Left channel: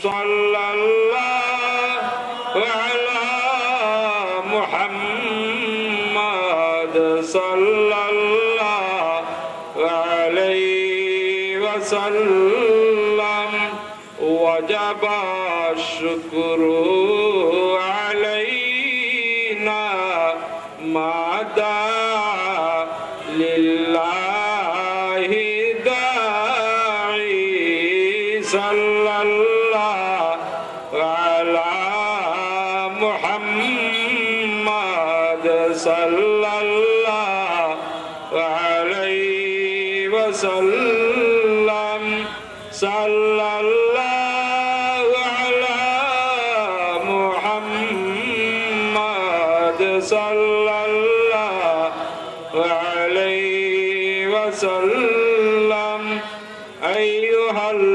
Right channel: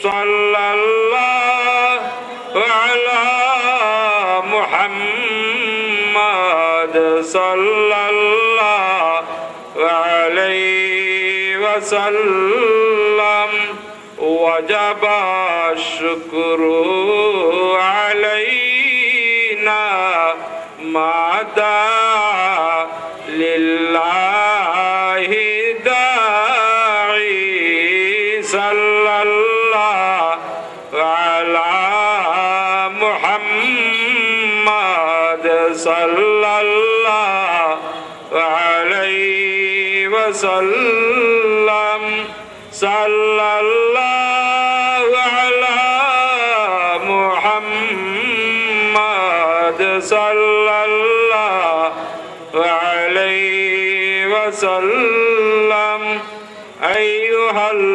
সাল্লাল্লাহু আলা মুহাম্মাদ সাল্লাল্লাহু আলাইহি ওয়াসাল্লাম ওয়াজাবা শুকরু আলাইনা মাদা লিল্লাহি দাঈ সাল্লাল্লাহু আলা মুহাম্মাদ সাল্লাল্লাহু আলাইহি ওয়াসাল্লাম সাল্লাল্লাহু আলা মুহাম্মাদ সাল্লাল্লাহু আলাইহি ওয়াসাল্লাম আইয়ুহাল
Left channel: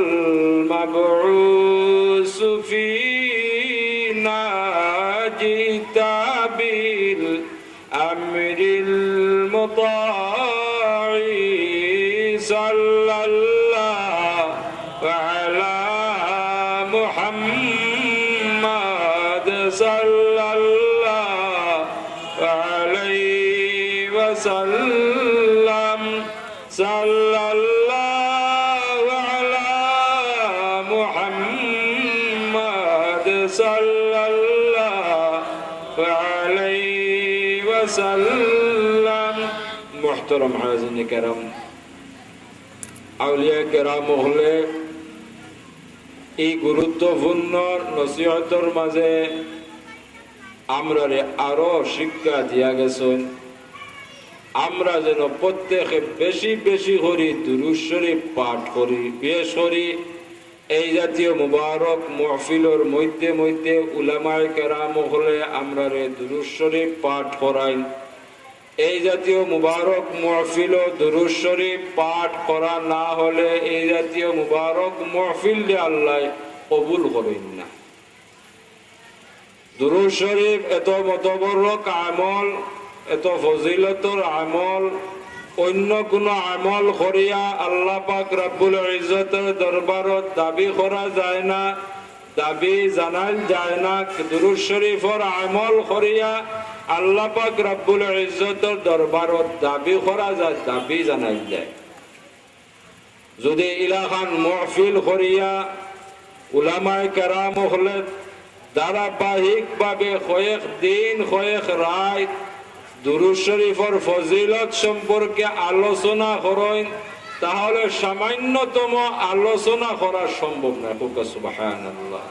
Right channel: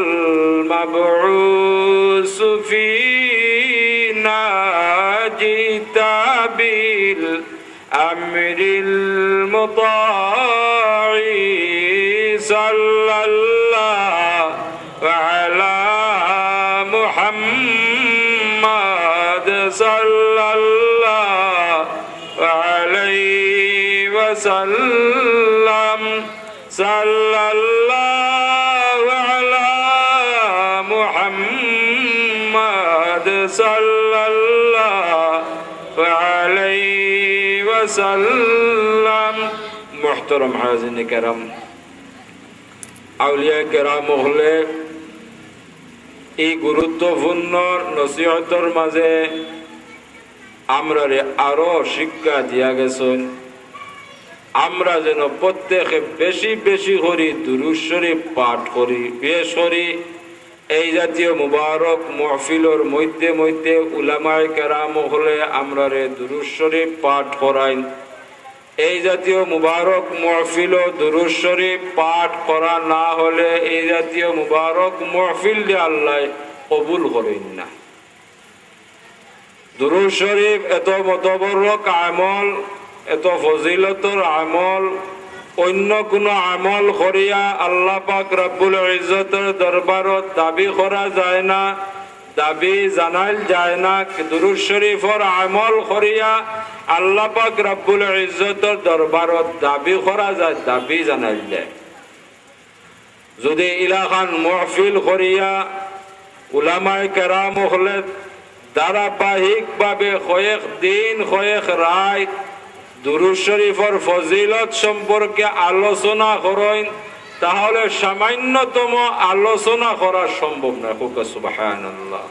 মাবউস ফীনা জিতা বিল আমরিল মুতাঈ সাল্লাল্লাহু আলা মুহাম্মাদ সাল্লাল্লাহু আলাইহি ওয়াসাল্লাম সাল্লাল্লাহু আলা মুহাম্মাদ সাল্লাল্লাহু আলাইহি ওয়াসাল্লাম। মুহতারাম হাজিরিন কেরাম, আউলিয়া কেরাম হলে এই গুরুত্বপূর্ণ নসিহতর মাঝে আমরা আরো শিক্ষা দিয়া গেছেন। আমরা যেন প্রত্যেকে বেশি বেশি করি দুরূদ শরীফ পাঠ করি, বেশ করি। এই জাতীয় মুবারক মাহফিলের মধ্যে মধ্যে উলামায়ে কেরাম হলে আমরা দুরূদ শরীফ পাঠ করাইন। এই জাতীয় মুবারক মাহফিল ও দুরূদ শরীফ পাঠ করা না হলে এই জাতীয় মুবারক মাহফিল দিয়ে আল্লাহ কবুল করেন না। দুরূদ শরীফ এত মতবরক আমল, এত ফজিলতর আমল, অন্য কোনো আমল করিয়া আল্লাহ পাক রব্বুল ইজ্জতের দরবারত দাবি করা যায় না, দাবি জানাইল যায় না। দুরূদ শরীফের আমল করিয়া আল্লাহ পাক রব্বুল ইজ্জতের দরবারত দাবি করা যায়, দাবি জানাইল যায়। যদি ইলাখান মাহফিল করিয়া উলামায়ে কেরাম হলে ধারাবাহিকভাবে কয়েক দিন কয়েক রাত দুরূদ শরীফের ফজিলত সম্পর্কে আলোচনা করেন, তাহলে সামান্যতম আলোচনা করা সম্ভব না। সুবহানাল্লাহ।